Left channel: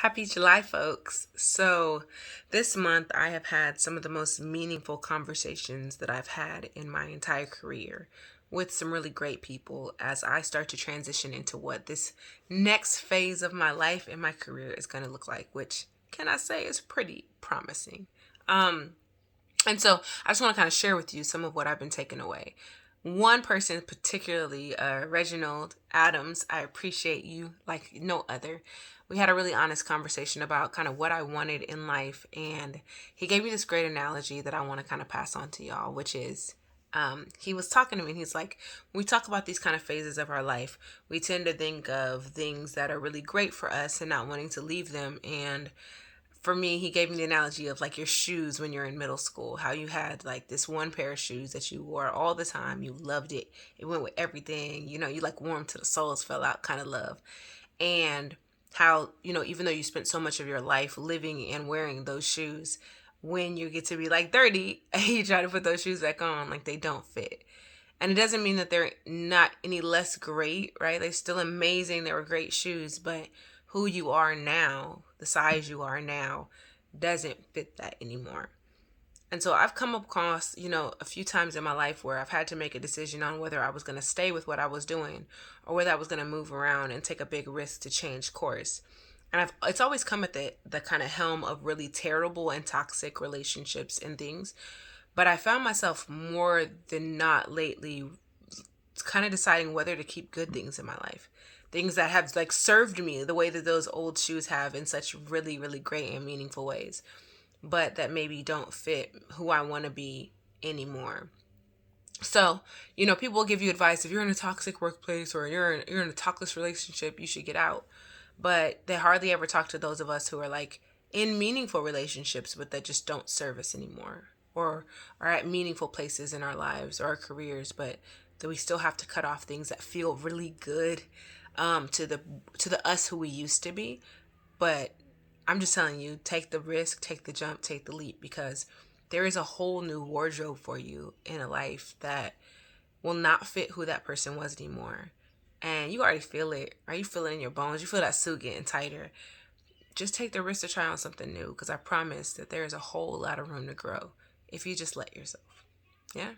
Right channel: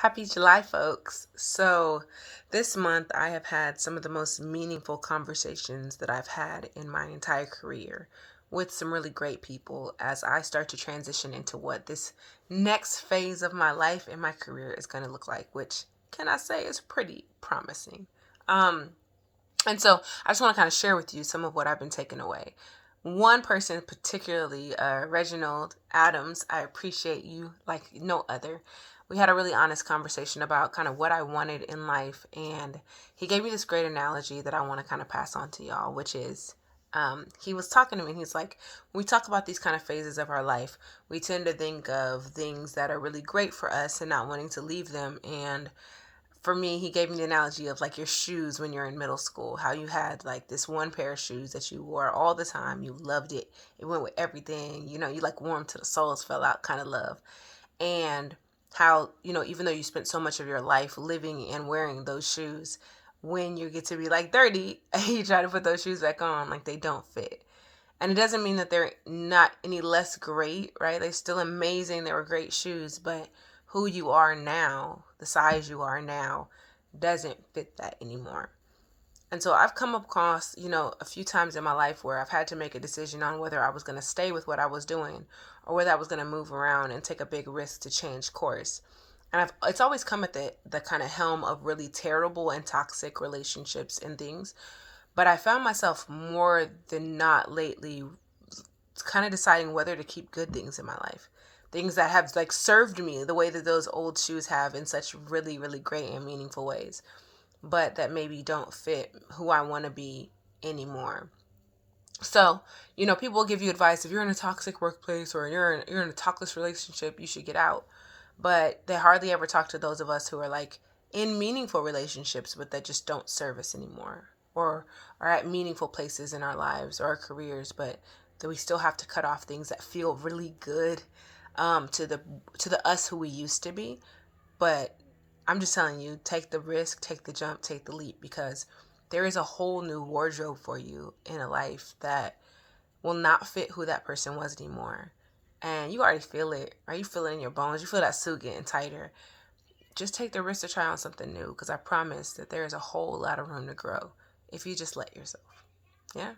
Happy July, folks. So, this month I have had some of the most meaningful conversations that I've had in my entire career with some really great people as I start to transition into what this next phase of my life and my career is going to look like, which can I say is pretty promising. Um, and so I just want to kind of share with you some of what I've been taking away. One person, particularly Reginald Adams, I appreciate you like no other. We had a really honest conversation about kind of what I wanted in life. And he gave me this great analogy that I want to kind of pass on to y'all, which is he was talking to me and he's like, when we talk about these kind of phases of our life, we tend to think of things that are really great for us and not wanting to leave them. And for me, he gave me the analogy of like your shoes when you're in middle school, how you had like this one pair of shoes that you wore all the time. You loved it. It went with everything. You like warm to the soles fell out kind of love. And how, even though you spent so much of your life living and wearing those shoes, when you get to be like 30 and you try to put those shoes back on, like they don't fit. And it doesn't mean that they're not any less great, right? They're still amazing. They were great shoes, but who you are now, the size you are now, doesn't fit that anymore. And so I've come across, a few times in my life where I've had to make a decision on whether I was going to stay with what I was doing or whether I was going to move around and take a big risk to change course. And it's always come at the kind of helm of really terrible and toxic relationships and things. But I found myself more than not lately kind of deciding whether to keep good things in my life. Things that have like served me the way that those old shoes have in such really, really great and meaningful ways, but that maybe don't fit who I want to be anymore. So, people will give you advice if you're in a toxic workplace or you're in a toxic relationship, you should get out. But they hardly ever talk to those of us who are like in meaningful relationships, but that just don't serve us anymore, or are at meaningful places in our lives or our careers, but that we still have to cut off things that feel really good to the us who we used to be. But I'm just telling you, take the risk, take the jump, take the leap, because there is a whole new wardrobe for you in a life that will not fit who that person was anymore. And you already feel it, right? You feel it in your bones. You feel that suit getting tighter. Just take the risk to try on something new, because I promise that there is a whole lot of room to grow if you just let yourself. Yeah?